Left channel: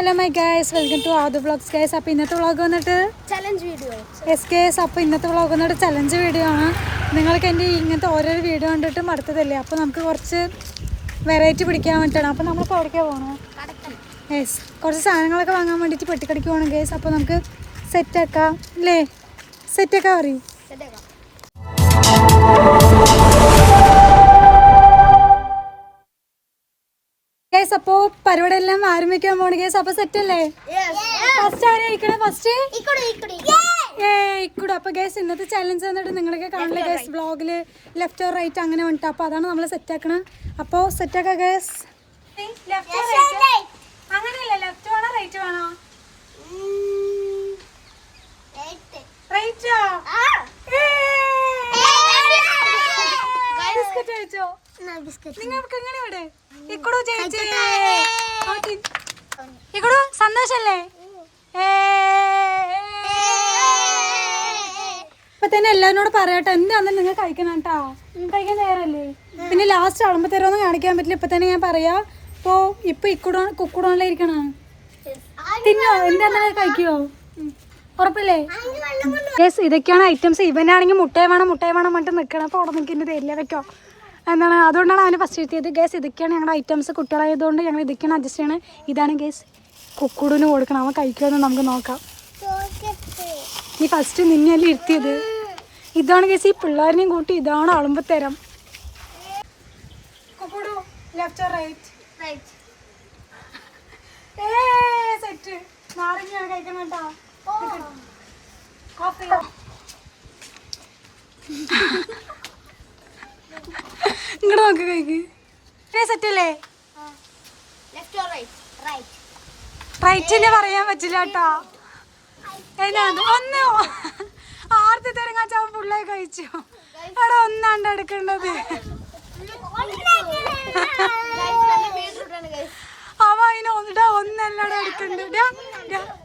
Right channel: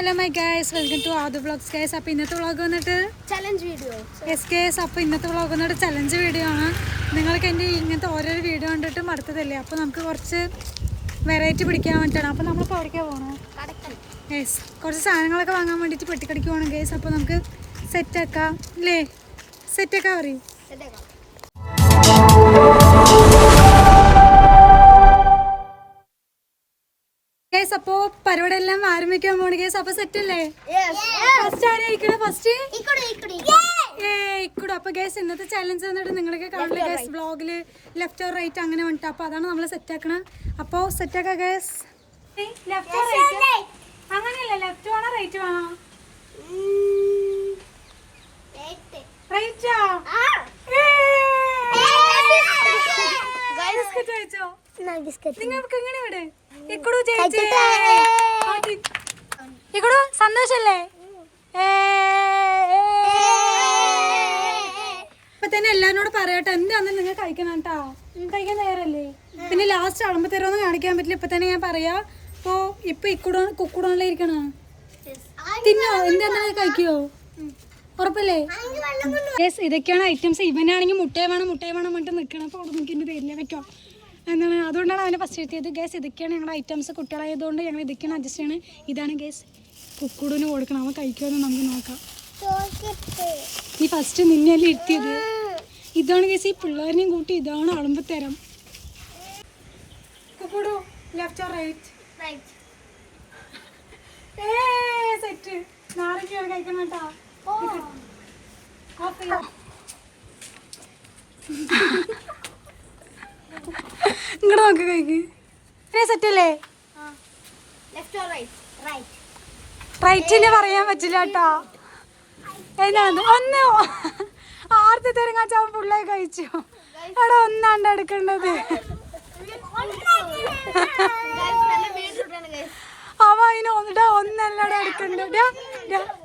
Hello my guys, welcome to Adu Vlogs guys. അപ്പോൾ ഇന്നത്തെ vlog വന്നിട്ട് ചലഞ്ച് വീഡിയോ. യെസ് ഗൈസ്, അപ്പോൾ ഇന്നത്തെ വ്ളോഗ് വന്നിട്ട് ചലഞ്ച് വീഡിയോ ആണ്. നിങ്ങൾക്ക് എൻ്റെ ഇങ്ങനത്തെ ഓരോരോ വീഡിയോ കണ്ടിട്ട് മടുത്തതല്ലേ, അപ്പോൾ നമുക്ക് കുറച്ച് വെറൈറ്റി പിടിക്കാൻ വേണ്ടിയിട്ടാണ്. അപ്പോൾ നമ്മളിപ്പോൾ എവിടേക്കാണ് പോകണം? യെസ്, കുറച്ച് സാധനങ്ങളൊക്കെ വാങ്ങാൻ വേണ്ടിയിട്ട് പെട്ടിക്കടിക്ക് പോകണം ഗൈസ്. അപ്പോൾ നമുക്ക് സെറ്റാക്കാം അല്ലേ? സെറ്റാക്കാം പറയും ഗൈസ്. അപ്പോൾ പരിപാടി എല്ലാം ആരംഭിക്കാൻ പോണ ഗൈസ്. അപ്പോൾ സെറ്റ് അല്ലേ? ഫസ്റ്റ് ആരായിരിക്കണം? ഫസ്റ്റ് ഇക്കൂടെ. അപ്പോൾ ഗൈസ് ഇന്നത്തെ ചലഞ്ച് വന്നിട്ട് നിങ്ങളൊക്കെ കാണില്ലേ ഗൈസ് വ്ളോഗിൽ ലെഫ്റ്റ് ഓർ റൈറ്റ് അങ്ങനെ വേണ്ടിട്ട്. അപ്പോൾ അതാണ് നമ്മൾ സെറ്റ് ആക്കണം. അപ്പോൾ സെറ്റ് ആക്കാം ഗൈസ്. Left or right? അങ്ങനെയല്ലേ, ലെഫ്റ്റ് വേണോ റൈറ്റ് വേണോ? റൈറ്റോ? ബിസ്ക്കറ്റ് കഴിച്ചോ? നിങ്ങൾക്ക് ഇങ്ങനെ ഇവിടെ ഇക്കടു ചേച്ചി ഇക്കടു സന്തോഷല്ലേ? ഇപ്പൊ തന്നെ എല്ലാവരോടും പറയട്ടെ എന്താണെന്ന് നിങ്ങൾ കഴിക്കണം കേട്ടോ. കഴിക്കാൻ നേരല്ലേ? പിന്നെ ലാസ്റ്റ് ആളുമ്പോ തരുമെന്ന് കാണിക്കാൻ പറ്റില്ല. ഇപ്പൊ തന്നെ ഞാൻ പറയാ. ഇപ്പൊ കുക്കുടോണിലെ ഇരിക്കണം. തിന്നോ? എന്താ കഴിക്കുവോ? ഉറപ്പല്ലേ? ഇതൊക്കെയാണ് ഐറ്റംസ്. ഇവനാണെങ്കിൽ മുട്ടയെ വേണം പറഞ്ഞിട്ട് നിൽക്കണം. അപ്പോൾ അവിടെ നിൽക്കുന്ന തരില്ല വെക്കോ എന്താണ്, അതുകൊണ്ടാണ് അവന് ഫസ്റ്റ് കിട്ടിയത്. ഗേസ് ഇതൊക്കെയാണ് ഞങ്ങളുടെ ഐറ്റംസ്. കുട്ടികളായതുകൊണ്ട് ഞങ്ങൾ ഇതൊക്കെയാണ് അഡ്ജസ്റ്റ് ചെയ്യണം. ഇതാണ് ഗേസ് കുക്കുടിന് കൊടുക്കണം. അവൻ കഴിക്കുമെന്ന് നമുക്ക് നോക്കാം. നീ ഫസ്റ്റ് നിന്നെയല്ലേ ഇരുത്തിയത്. ഇതാണ് ഗേസ് ഈ പിള്ളേരിനെയും കൂട്ടി ഇതാണ് അളുമ്പോ തരം. കുക്കുടു ലെഫ്റ്റ് ഓർ റൈറ്റ്? സെറ്റ്. നാരങ്ങയാണ് കഴിക്കണം കേട്ടോ. ഇങ്ങോട്ട് നോക്ക് കഴിക്ക്. സെറ്റല്ലേ? റൈറ്റിന് പറയാൻ പറ്റില്ല കേട്ടോ. എന്നാണ് ഒന്ന് ആർത്തി തെരങ്ങാച്ചാവൻ പിള്ളേർ കഴിച്ചു. എടാ ഒന്നാണ്ട് എടുക്കേണ്ടത്. അവ അതിന് ഒന്നല്ലട എടുക്കേണ്ടത്.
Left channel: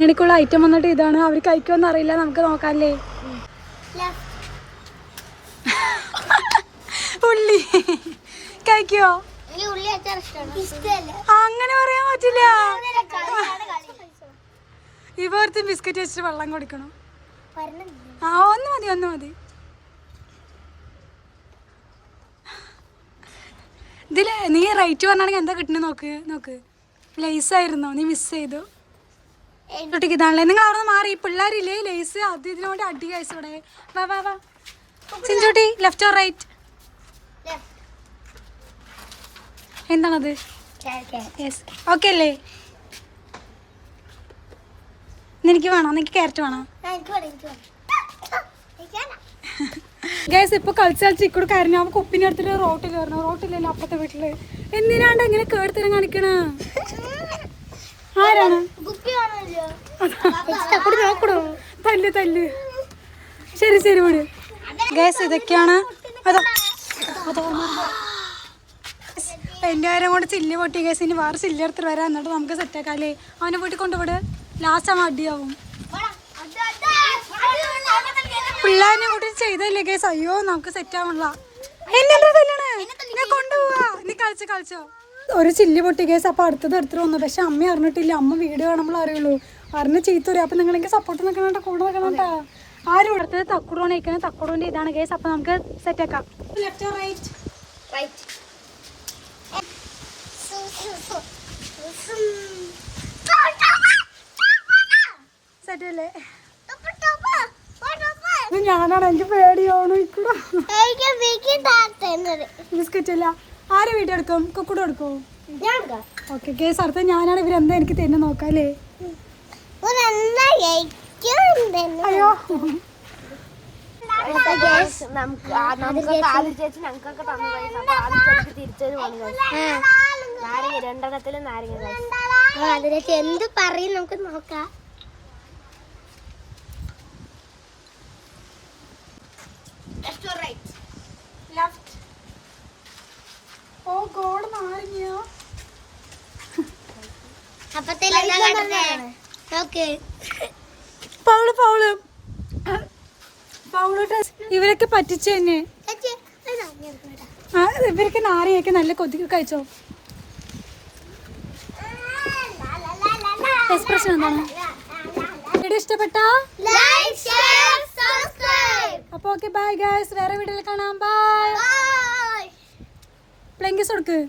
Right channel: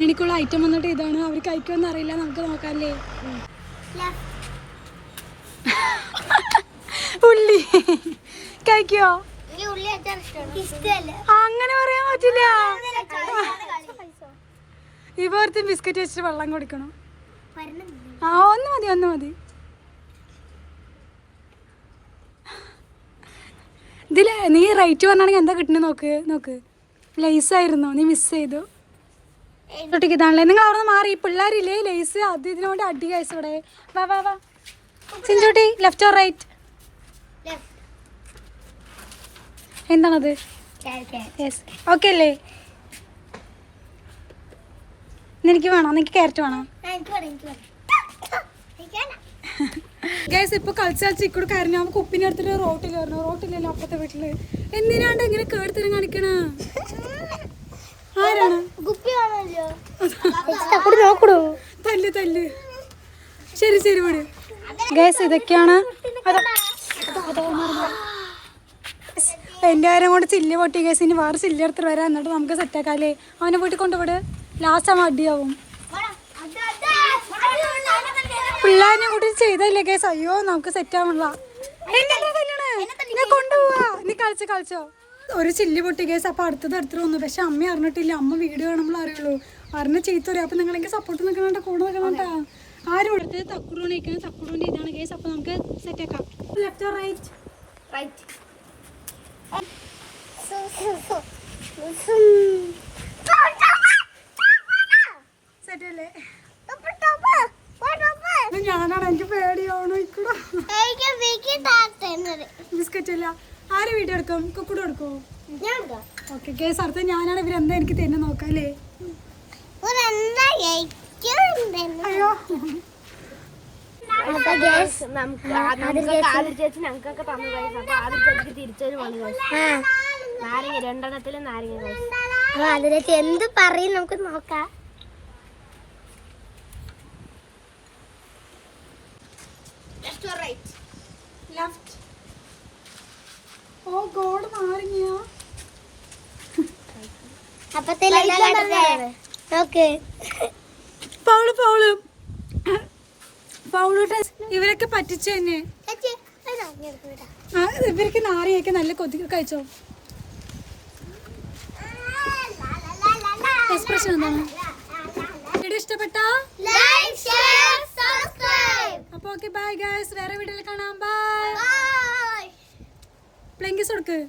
എനിക്കുള്ള ഐറ്റം വന്നിട്ട് ഇതാണ്. അവർ കഴിക്കുമെന്ന് അറിയില്ല. നമുക്ക് നോക്കാല്ലേ? ഉള്ളി കഴിക്കോ? അങ്ങനെ പറയാൻ പറ്റില്ല. ഇവർത്തും ബിസ്ക്കറ്റ് വെച്ചിട്ട് വെള്ളം കുടിക്കണം. ഒന്ന് മതി. ഇതില് നീ റൈറ്റ് പറഞ്ഞാണെങ്കിൽ എന്താ കിട്ടണ നോക്ക്. ലേസ് ആയിരുന്നോ? നീ മിസ് ചെയ്തു. ൊട്ടിക്ക് ഇതാണല്ലേ. നിങ്ങൾ അവിടെ നിന്ന് മാറി. പിള്ളേരില്ലേ ലേസ് അത് ഇതിനോട് അടി കഴിച്ചു. ഇവിടെ വാ ചിഞ്ചൂട്ടി ലെഫ്റ്റ് ഓർ റൈറ്റ്? എന്താണത്? യെസ് ഓക്കെ അല്ലേ? എനിക്ക് വേണോ? നിനക്ക് ക്യാരറ്റ് വേണോ? ഗൈസ് ഇപ്പൊ കളിച്ച് ഇക്കൂടെ കരഞ്ഞു. അവൻ കുപ്പിനെ എടുത്തിട്ട് റോട്ടിൽ കയറണം. റോട്ടിലല്ലോ അപ്പത്തെ വീട്ടില്. എന്തിനാണ്ട് ഇങ്ങനെ കേറിത്തരം കാണിക്കണ? ആരാണ്? നോക്കണോ? തല്ല്. ശരി വിട്. ഗൈസ് ഇതൊക്കെയാണ്. എൻ്റെ കാര്യം കൊണ്ട് ചില്ല് പൊട്ടി. ഗൈസ് ഇനി വേറെ ചില്ല് എടുത്തിട്ട് വരാം. എന്നിട്ട് നമുക്ക് സെറ്റാക്കാല്ലേ? അവനെ വീട്ടിൽ കൊണ്ടുപോട്. ലാസ്റ്റ് ആവുമ്പോൾ അടിയാവും. പിള്ളേരെ കൂടി ചെയ്തല്ലേ ഗൈസ്? അയ്യോ നമുക്ക് സെറ്റ് ആവണില്ല. കൊണ്ടുപോവാ. നീ കളിച്ചോ. ഒരു ചില്ലി പൊട്ടി ഗൈസ്. അപ്പൊ അടുത്തത് എടുത്തിട്ട് വന്നു. പക്ഷെ അമ്മ അറിഞ്ഞിട്ടില്ല. അമ്മ വീഡിയോ കാണുമ്പോൾ അറിയുള്ളൂ. അറിഞ്ഞ് ചീത്ത വരും. അപ്പൊ നിങ്ങൾ എനിക്ക് സപ്പോർട്ട് നിൽക്കണോ? കൂടെ നിൽക്കണോട്ടാ. ആരും എടുത്തത് തക്കുടോണ് കഴിക്കുന്നത്. തക്കുടോന്റെ ഇതാണ് ഗൈസ്. അപ്പൊ നമുക്ക് സെറ്റ് ആക്കാം. Left or right? സെറ്റ് അല്ലേ? ഞാനാണ്. എനിക്ക് പേടിയാണോ ഇക്കൂടെ? ബിസ്ക്കറ്റ് അല്ല. ആര് വീഡിയോ എടുക്കും? കുക്കുട എടുക്കും? ഓക്കെ ഗേസ് അടുത്ത ഞാനാണ്. ഇവരെന്താ എനിക്ക് തന്നെ നോക്കാം അല്ലേ? അയ്യോ എന്ത് പറയും നമുക്ക് നോക്കാം. ലെഫ്റ്റ്. ഓ ഗോഡ് നാരങ്ങ. ഇവരൊക്കെ പറ്റിച്ചു തന്നെ. ഇവരൊക്കെ നാരങ്ങയൊക്കെ നല്ല കൊതിക്ക് കഴിച്ചോ. എക്സ്പ്രഷൻ എന്താണ്? വീഡിയോ ഇഷ്ടപ്പെട്ടോ? Like share subscribe. അപ്പോൾ ഓക്കെ ബൈ ഗൈസ്, വേറെ വീഡിയോയിൽ കാണാം. ബൈ. ബൈ. പ്ലെങ്കിസ് കൊടുക്ക്.